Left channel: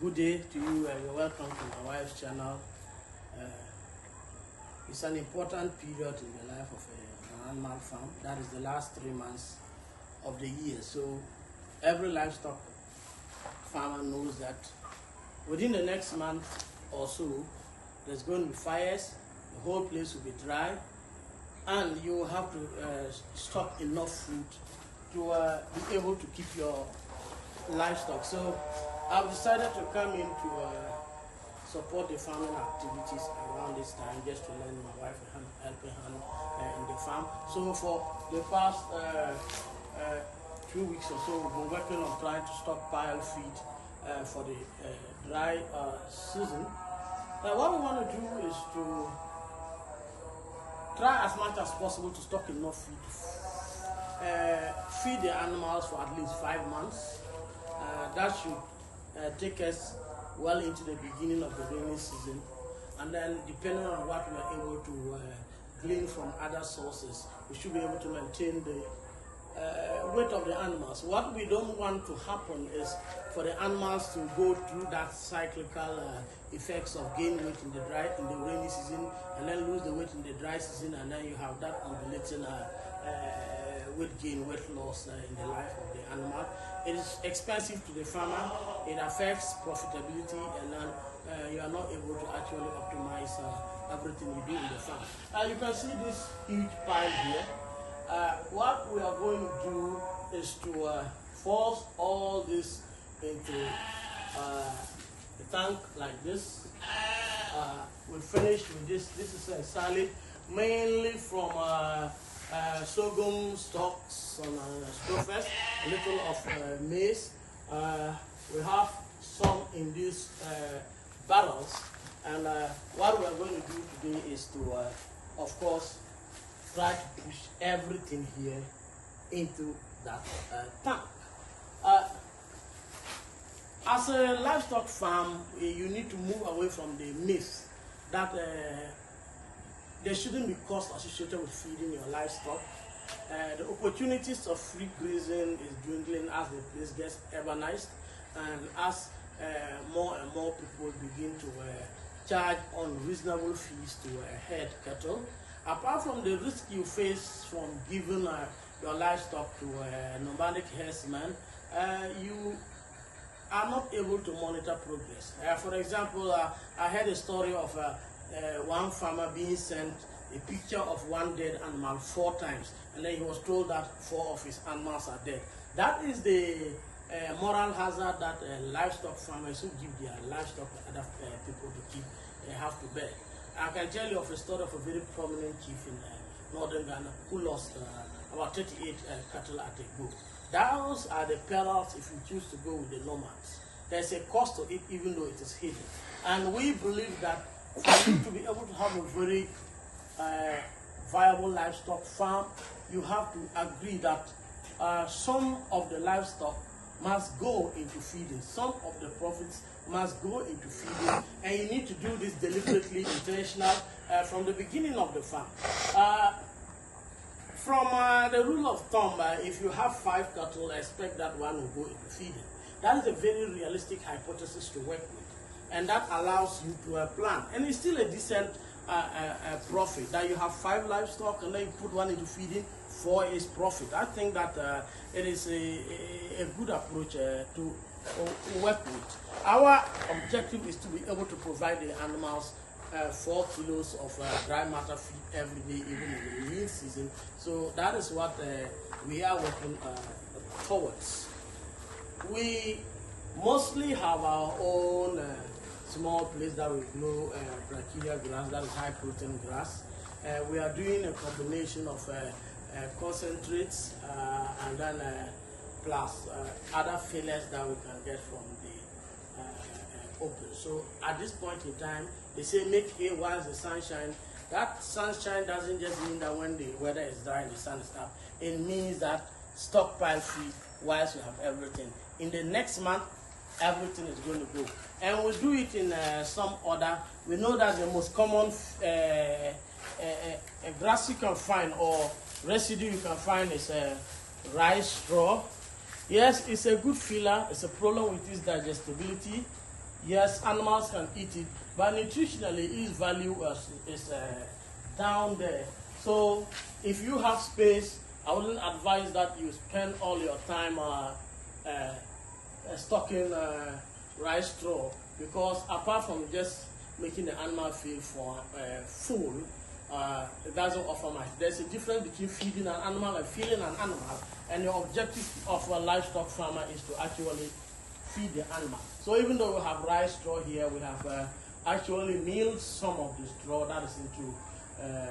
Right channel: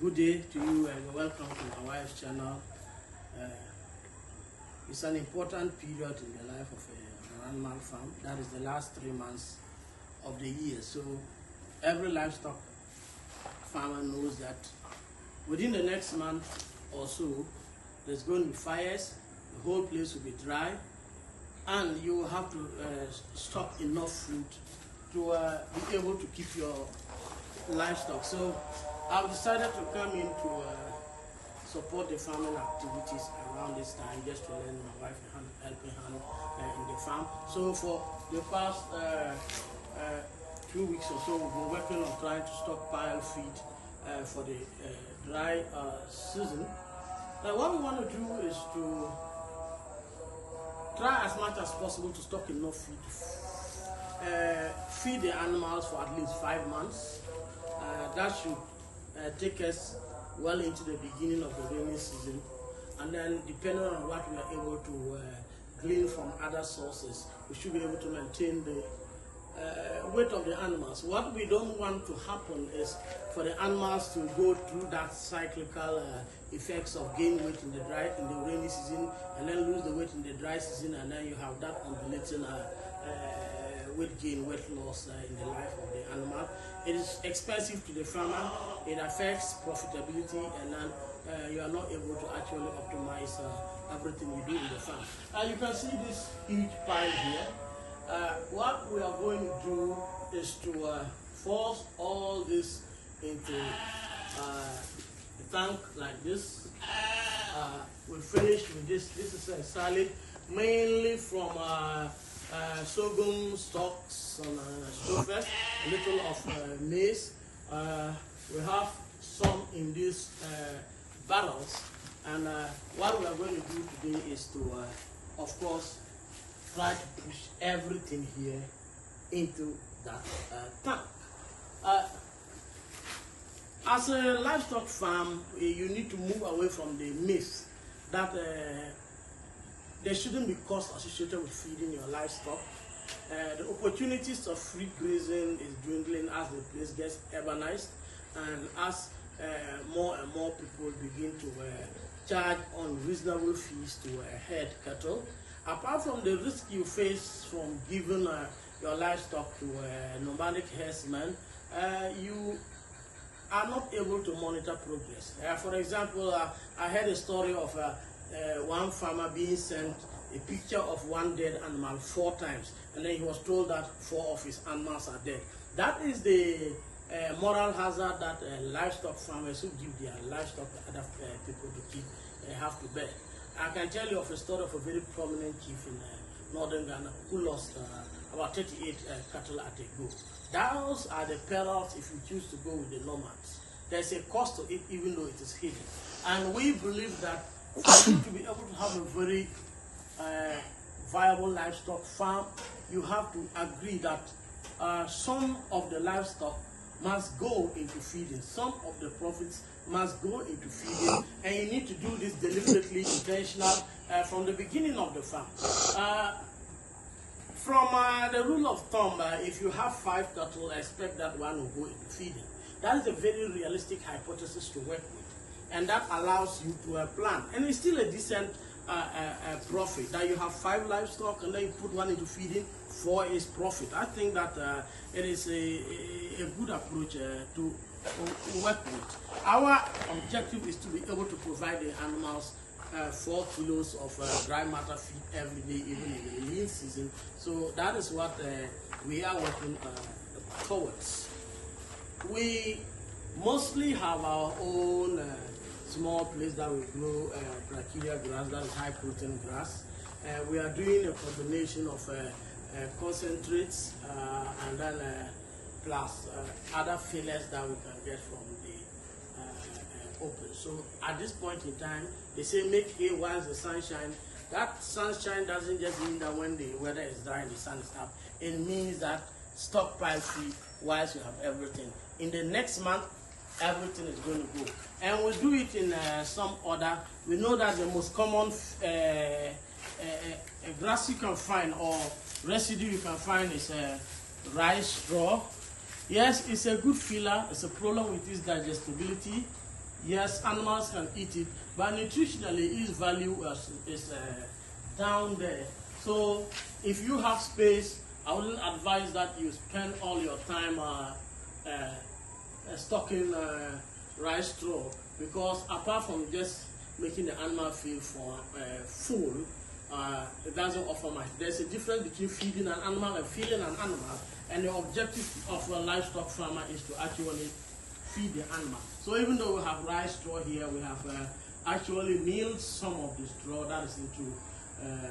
Good day to you and you're welcome to my wife's channel. It's an important period in the life of an animal farm. That is the last 3 months of the year. So every livestock farmer knows that within the next month or so, there's going to be fires, the whole place will be dry, and you will have to stock enough food to be able to keep your livestock. So I've decided to come in to support the farming activities around this time, just to lend my wife a helping hand in the farm. So for the past 2 weeks or so, we've been working on trying to stockpile feed for the dry season. What we want to do is to try as much as possible to stock enough food, feed the animals for at least 5 months. That should take us well into the beginning of the rainy season, and then depending on what we are able to glean from other sources, we should be able to maintain the weight of the animals. What we don't want to happen is for the animals to go through that cyclical effects of gain weight in the rainy season and then lose the weight in the dry season, and then you have that undulating weight gain, weight loss in the life of the animal. It is expensive to the farmer, it affects profitability, and then you are not able to actually optimize everything you do in the farm. You can see this huge pile here. What we are going to do is to force all this into the tank like this. We finished with this. This is a salad mainly from sorghum stalks on strophes, a little of maize. We have some in these barrels, and what we are going to do today is to, of course, try to push everything here into that tank. As a livestock farm, you need to move away from the myth that there shouldn't be cost associated with feeding your livestock. The opportunities of free grazing is dwindling as the place gets urbanized, and as more and more people begin to charge unreasonable fees to herd cattle. Apart from the risk you face from giving your livestock to nomadic herdsmen, you are not able to monitor progress. For example, I heard a story of one farmer being sent a picture of one dead animal 4 times, and then he was told that 4 of his animals are dead. That is the moral hazard that livestock farmers who give their livestock to other people to keep have to bear. I can tell you of a story of a very prominent chief in northern Ghana who lost about 38 cattle at a go. Those are the perils if you choose to go with the nomads. There's a cost to it even though it is hidden. And we believe that for you to be able to have a very viable livestock farm, you have to agree that some of the livestock must go into feeding, some of the profits must go into feeding, and you need to do this deliberately, intentional, from the beginning of the farm. From the rule of thumb, if you have 5 cattle, expect that one will go into feeding. That is a very realistic hypothesis to work with, and that allows you to plan. And it's still a decent profit that you have 5 livestock and then you put one into feeding, 4 is profit. I think that it is a good approach to work with. Our objective is to be able to provide the animals 4 kilos of dry matter feed every day, even in the rainy season. So that is what we are working towards. We mostly have our own small place that we grow brachiaria grass, that is high protein grass. We are doing a combination of concentrates and then plus other fillers that we can get from the open. So at this point in time, they say make hay while the sun shines. That sunshine doesn't just mean that when the weather is dry and the sun is up. It means that stockpile feed whilst you have everything. In the next month, everything is going to go. And we do it in some order. We know that the most common grass you can find or residue you can find is rice straw. Yes, it's a good filler. It's a problem with its digestibility. Yes, animals can eat it, but nutritionally its value is down there. So if you have space, I wouldn't advise that you spend all your time stocking rice straw, because apart from just making the animal feel full, it doesn't offer much. There's a difference between feeding an animal and feeding an animal, and the objective of a livestock farmer is to actually feed the animal. So even though we have rice straw here, we have actually milled some of the straw that is into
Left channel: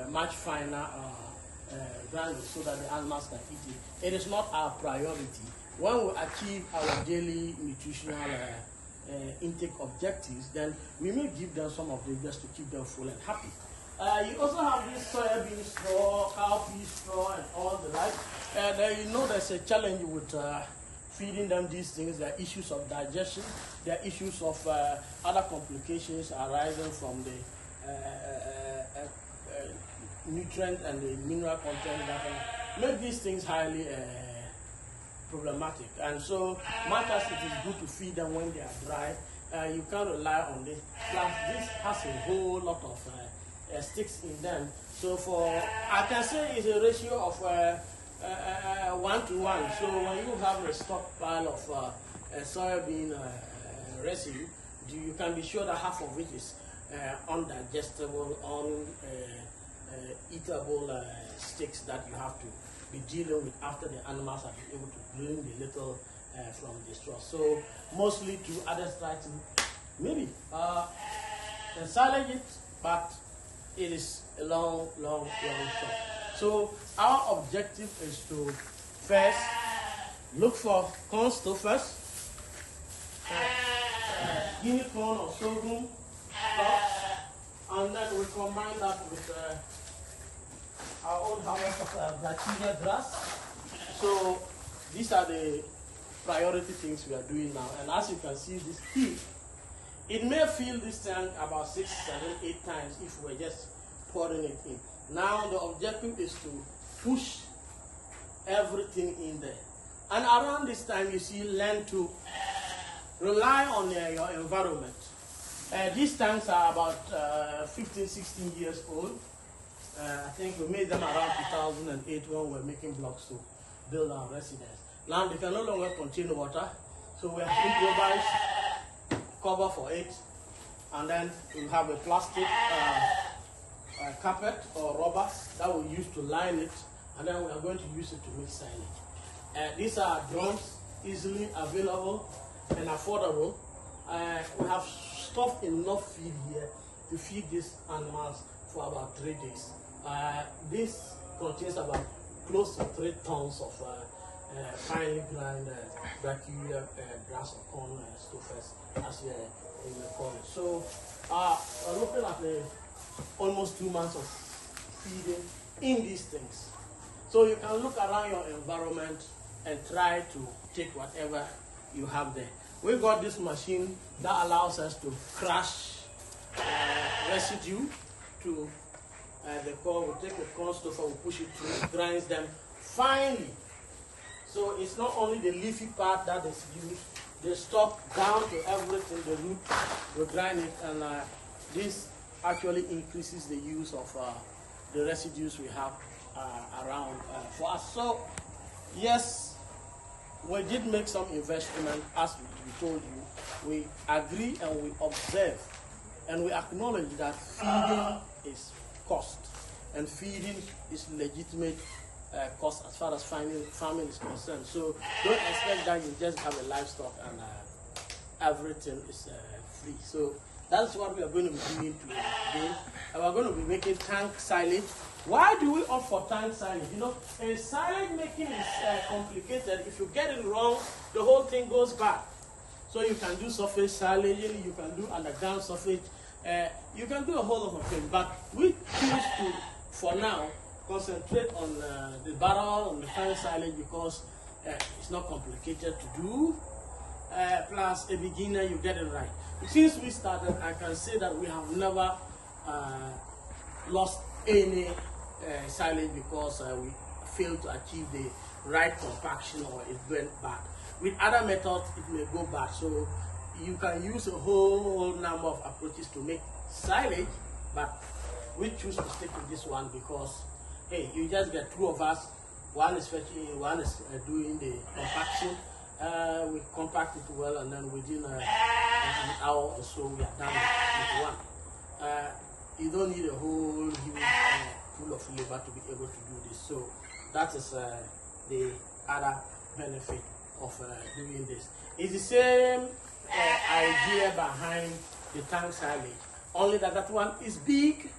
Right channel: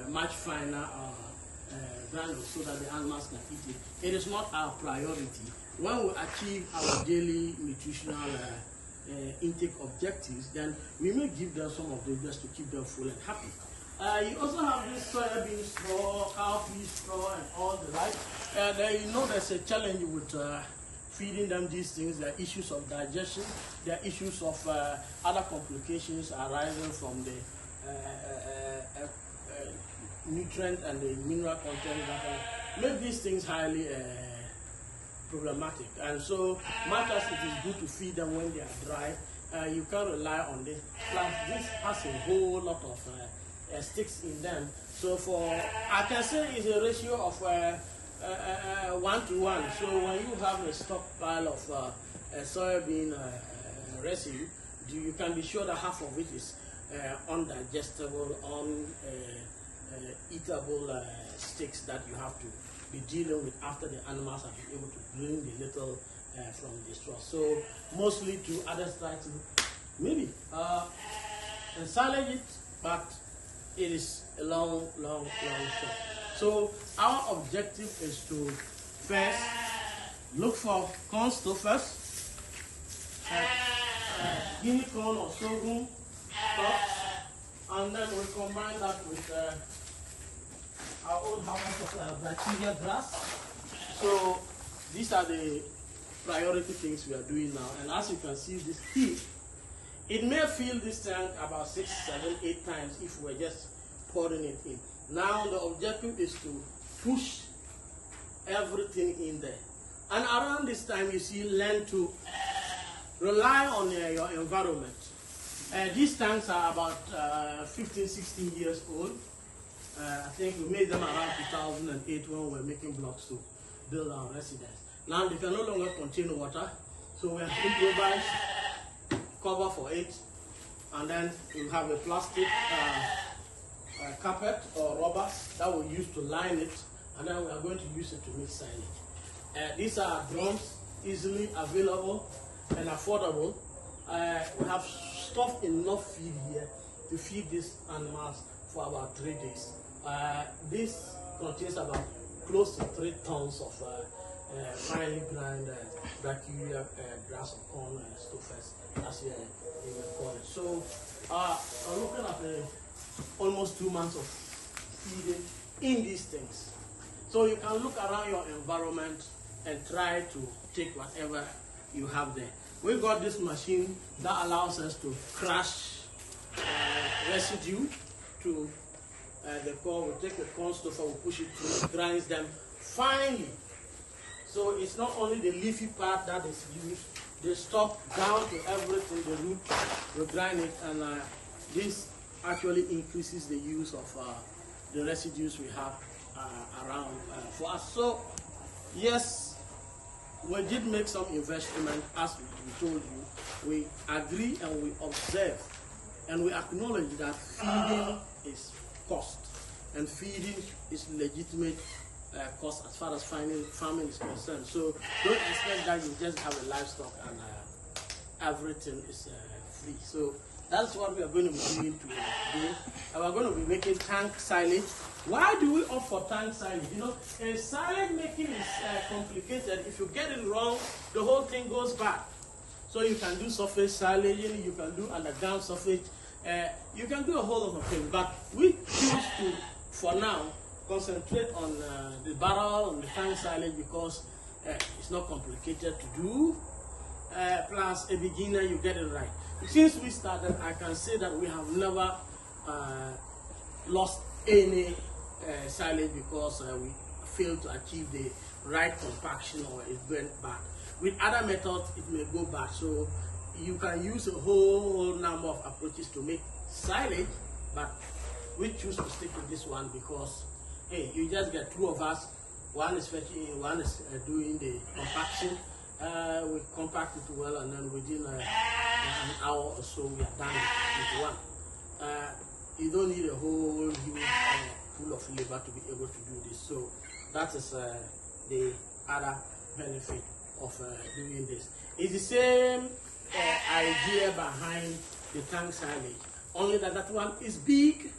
much finer granules so that the animals can eat it. It is not our priority. When we achieve our daily nutritional intake objectives, then we may give them some of them just to keep them full and happy. You also have this soybean straw, cowpea straw, and all the like. Then you know there's a challenge with feeding them these things. There are issues of digestion, there are issues of other complications arising from the nutrient and the mineral content that make these things highly problematic. And so much as it is good to feed them when they are dry, you can't rely on this. Plus, this has a whole lot of sticks in them. So I can say it's a ratio of 1 to 1. So when you have a stockpile of soybean residue, you can be sure that half of it is undigestible, eatable sticks that you have to be dealing with after the animals have been able to bring the little from the straw. So mostly to other strategy, maybe and silage it, but it is a long shot. So our objective is to first look for corn stoppers, guinea corn or sorghum crops, and then we combine that with our own harvest of bacteria grass. So these are the priority things we are doing now. And as you can see, this huge. It may fill this tank about 6, 7, 8 times if we're just pouring it in. Now the objective is to push everything in there. And around this time, you see, learn to rely on your environment. These tanks are about 15, 16 years old. I think we made them around 2008 when we were making blocks to build our residence. Now they can no longer contain water, so we have improvised cover for it, and then we have a plastic carpet or rubber that we use to line it, and then we are going to use it to make silage. These are drums, easily available and affordable. We have stuffed enough feed here to feed these animals for about 3 days. This contains about close to 3 tons of finely ground bacteria grass or corn stoppers, as you call it. So we're looking at almost 2 months of feeding in these things. So you can look around your environment and try to take whatever you have there. We've got this machine that allows us to crush residue to the corn. We take the corn stuffer, we push it through, it grinds them finely. So it's not only the leafy part that is used, the stalk down to everything, the root, we grind it, and this actually increases the use of the residues we have around for us. So yes, we did make some investment, as we told you. We agree and we observe and we acknowledge that feeding is cost, and feeding is legitimate cost as far as farming is concerned. So don't expect that you just have a livestock and everything is free. So that's what we are going to be doing today. And we're going to be making tank silage. Why do we opt for tank silage? You know, silage making is complicated. If you get it wrong, the whole thing goes bad. So you can do surface silaging, you can do underground surface, you can do a whole lot of things. But we choose to, for now, concentrate on the barrel and the tank silage because it's not complicated to do. Plus, a beginner, you get it right. Since we started, I can say that we have never lost any silage because we failed to achieve the right compaction or it went bad. With other methods, it may go bad. So you can use a whole number of approaches to make silage, but we choose to stick with this one because, hey, you just get two of us. One is fetching, one is doing the compaction. We compact it well, and then within an hour or so, we are done with one. You don't need a whole huge pool of labor to be able to do this. So that is the other benefit of doing this. It's the same idea behind the tank silage, only that one is big.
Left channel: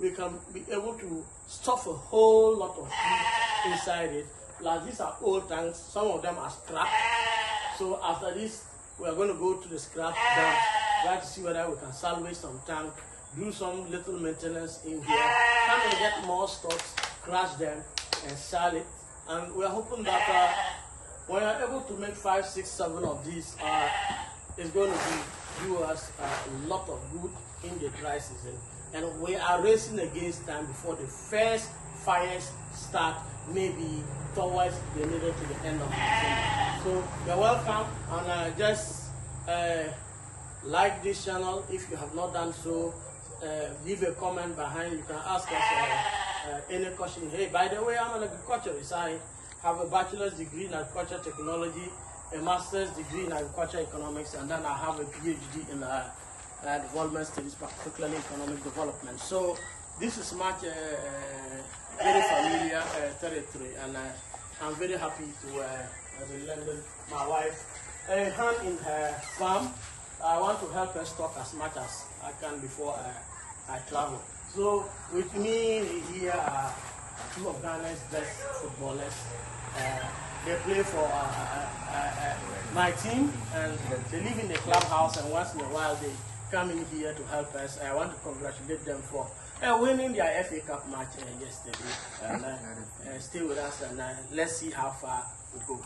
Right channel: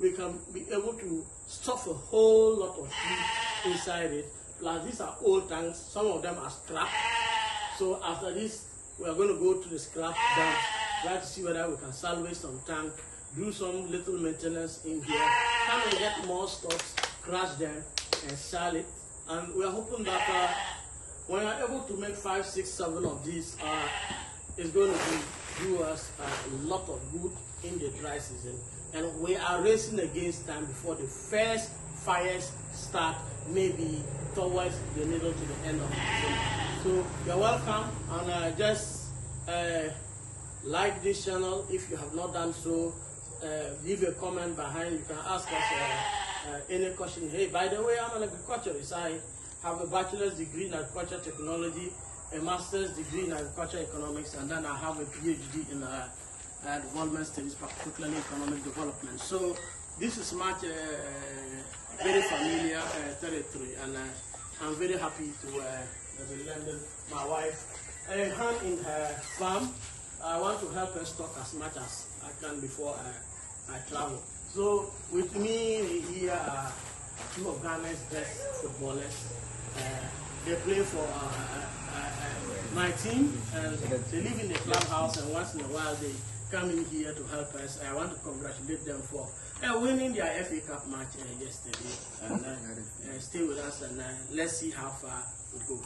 We can be able to stuff a whole lot of food inside it. Plus, these are old tanks. Some of them are scrap. So after this, we are going to go to the scrap dump, try to see whether we can salvage some tank, do some little maintenance in here, come and get more stocks, crash them, and sell it. And we are hoping that when we are able to make 5, 6, 7 of these, it's going to do us a lot of good in the dry season. And we are racing against time before the first fires start, maybe towards the middle to the end of the season. So you're welcome, and just like this channel if you have not done so. Leave a comment behind. You can ask us any question. Hey, by the way, I'm an agriculturist. I have a bachelor's degree in agriculture technology, a master's degree in agriculture economics, and then I have a PhD in development studies, particularly economic development. So this is much very familiar territory, and I'm very happy to be lending my wife a hand in her farm. I want to help her stock as much as I can before I travel. So with me, we here are two of Ghana's best footballers. They play for my team, and they live in the clubhouse, and once in a while they come in here to help us. I want to congratulate them for winning their FA Cup match yesterday. And stay with us, and let's see how far we go.